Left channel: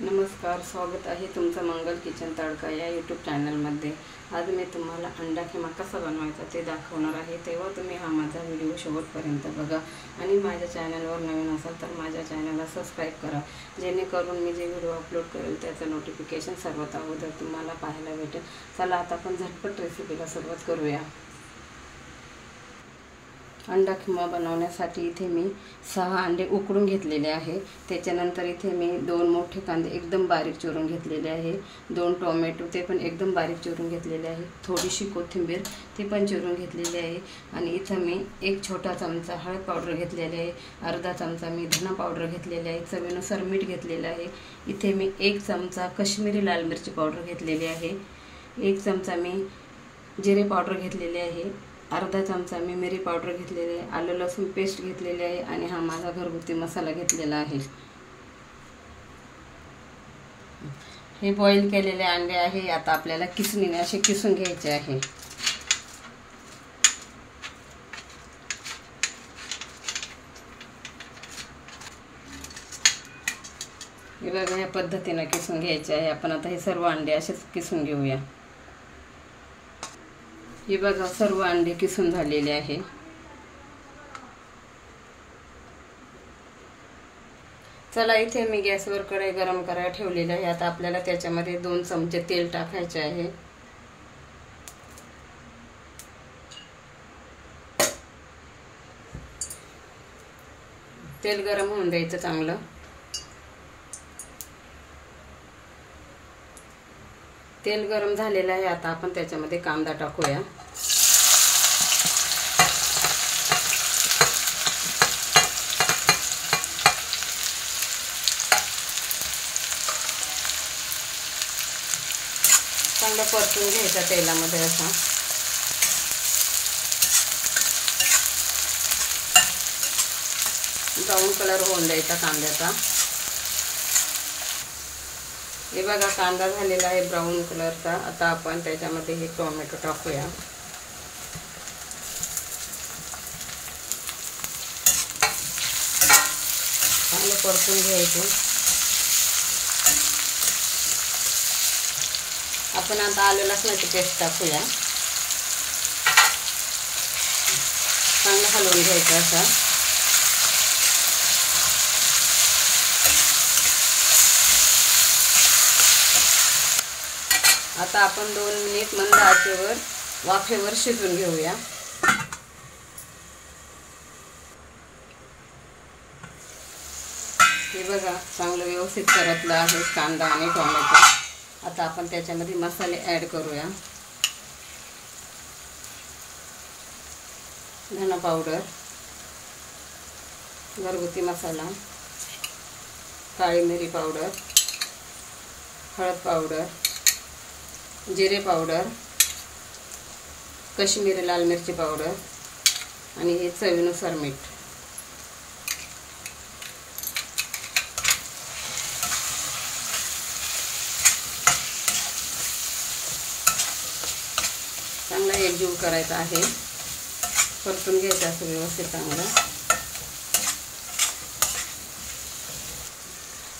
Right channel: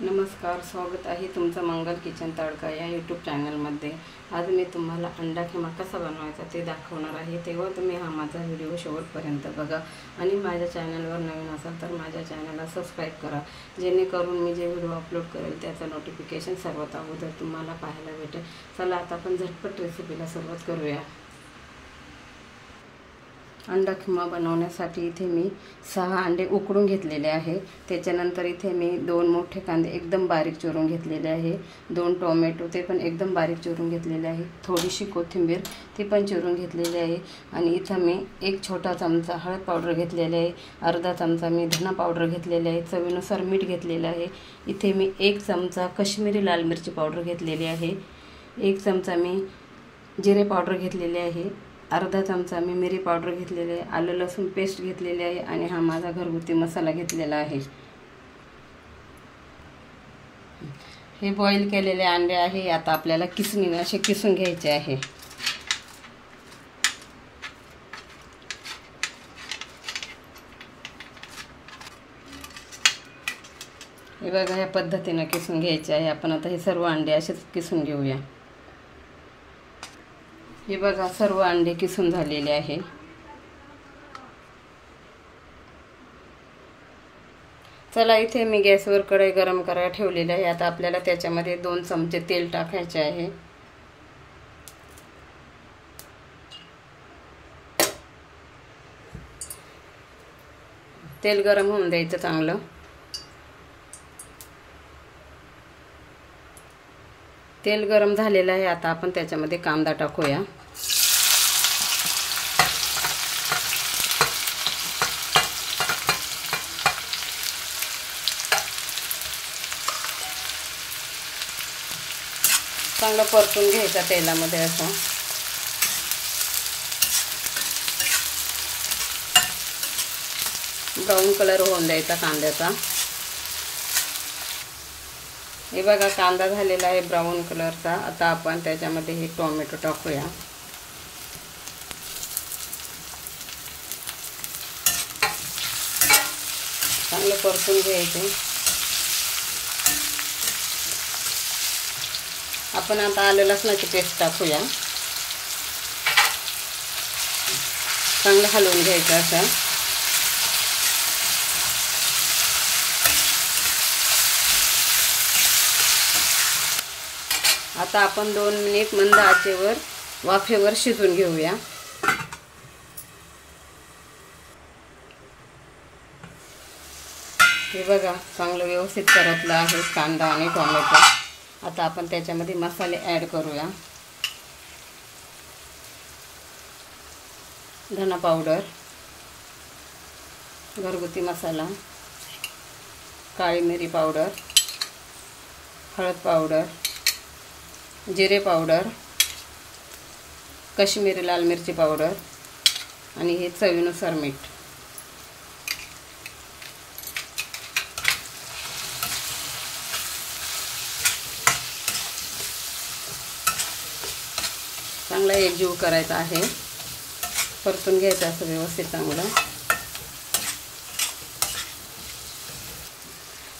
नमस्कार, स्वागत आहे तुमचं मंगल किचन तडका या यूट्यूब चॅनलमध्ये। आज मी तुम्हाला अंडा खिमा कसा बनवायचा ते दाखवणार आहे, तेव्हा तुम्ही हा माझा व्हिडिओ शेवटपर्यंत बघा आणि माझ्या चॅनलवर नवीन असाल तर माझ्या चॅनलला सबस्क्राईब करा, जेणेकरून मी जे व्हिडिओ अपलोड करेल त्याचं नोटिफिकेशन सर्वात अगोदर तुम्हाला पाहायला भेटेल। चला आता आपण झटपट रेसिपीला सुरुवात करूया। अंडा खिमा बनवण्यासाठी इथे मी 6 अंडे उकडून घेतलेले आहे। त्याच्यानंतर इथे मी 2 मोठे कांदे एकदम बारीक चिरून घेतलेले आहे, 2 टोमॅटो ते पण एकदम बारीक चिरून घेतलेले आहे, थोडीशी कोथिंबीर ती पण चिरून घेतलेली आहे आणि इथं मी 1 छोटा चमचा हळद पावडर घेतलेले आहे, अर्धा चमचा मी धना पावडर घेतलेले आहे, चवीनुसार मीठ घेतलेले आहे। इथे मी 1 चमचा काश्मीरी लाल मिरची पावडर घेतलेली आहे, 1 चमचा मी जिरे पावडर घेतलेले आहे, अर्धा चमचा मी मिरी पावडर घेतलेले आहे, आलं लसूण पेस्ट घेतलेली आहे आणि हा माझा घरगुती मसाला घेतलेला आहे। हे बॉईल केलेले अंडे आहे, आता आपल्याला किसणीने असे किसून घ्यायचे आहे। हे बघा, या पद्धतीने किसून घ्यायचे आहे। आपण आता हे सर्व अंडे असेच किसून घेऊया। हे बघा, सर्व अंडे किसून झालेले आहे। चला, इथे मी गॅसवर कढई गरम करायला ठेवलेली आहे। आता आपल्याला त्याच्यामध्ये 2 चमचे तेल टाकायचे आहे। तेल गरम होऊन द्यायचं चांगलं। तेल गरम झालेलं आहे, आता आपण त्याच्यामध्ये कांदा टाकूया। चांगलं परतून घ्यायचा तेलामध्ये असा। ब्राऊन कलर होऊन द्यायचा कांद्याचा। हे बघा, कांदा झालेला आहे ब्राऊन कलरचा। आता आपण त्याच्यामध्ये हे टोमॅटो टाकूया। चांगलं परतून घ्यायचे। आपण आता आलं लसणाची पेस्ट टाकूया, चांगलं हलवून घ्यायचं असं। आता आपण 2 मिनिट मंद आचेवर वाफेवर शिजवून घेऊया। हे बघा, चांगलं व्यवस्थित परतलं आहे कांदा आणि टोमॅटो। आता आपण त्याच्यामध्ये मसाले ॲड करूया। धना पावडर, घरगुती मसाला, काळी मिरी पावडर, हळद पावडर, जिरे पावडर, काश्मीरी लाल मिरची पावडर आणि हे चवीनुसार मीठ। चांगला एकजीव करायचा आहे, परतून घ्यायचं असं व्यवस्थित चांगलं।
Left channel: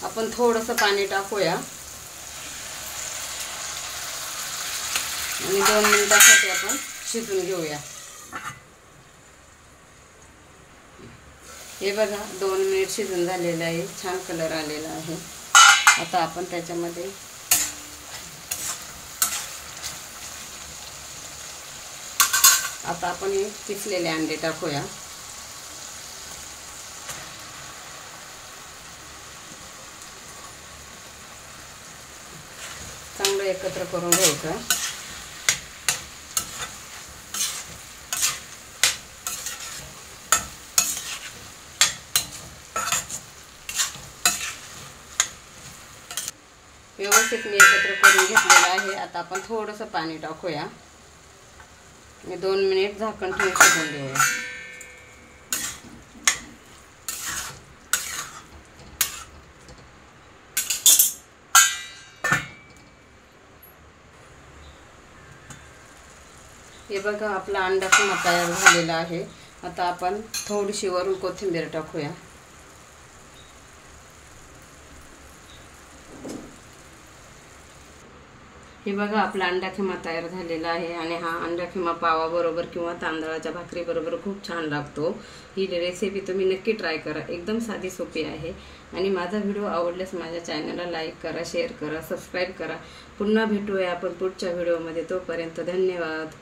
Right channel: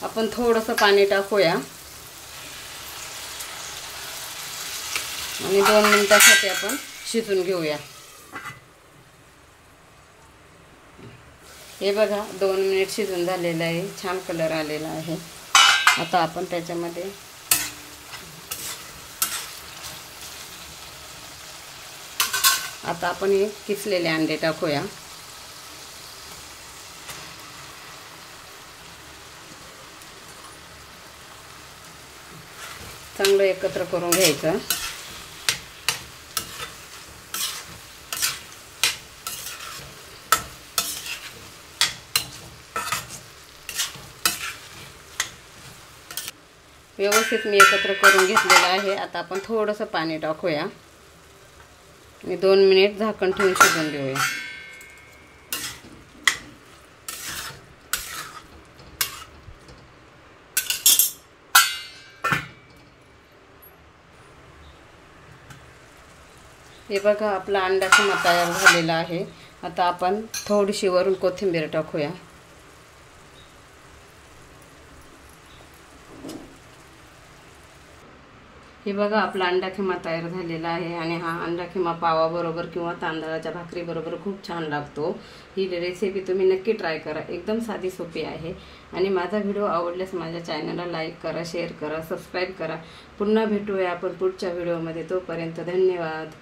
आपण थोडंसं पाणी टाकूया आणि 2 मिनिटांसाठी आपण शिजवून घेऊया। हे बघा, 2 मिनिट शिजून झालेलं आहे, छान कलर आलेला आहे। आता आपण त्याच्यामध्ये हे किसलेले अंडे टाकूया। चांगलं एकत्र करून घ्यायचं। व्यवस्थित मी एकत्र करून घेतलेलं आहे। आता आपण थोडंसं पाणी टाकूया आणि 2 मिनिट झाकण ठेवून शिजवून घेऊया। हे बघा, आपला अंडा खिमा तयार झालेला आहे। आता आपण थोडीशी वरून कोथिंबीर टाकूया। हे बघा आपला अंडा खिमा तयार झालेला आहे आणि हा अंडा खिमा पावाबरोबर किंवा तांदळाच्या भाकरीबरोबर खूप छान लागतो। ही रेसिपी तुम्ही नक्की ट्राय करा, एकदम साधी सोपी आहे। आणि माझा व्हिडिओ आवडल्यास माझ्या चॅनलला लाईक करा, शेअर करा, सबस्क्राईब करा। पुन्हा भेटूया आपण पुढच्या व्हिडिओमध्ये, तोपर्यंत धन्यवाद।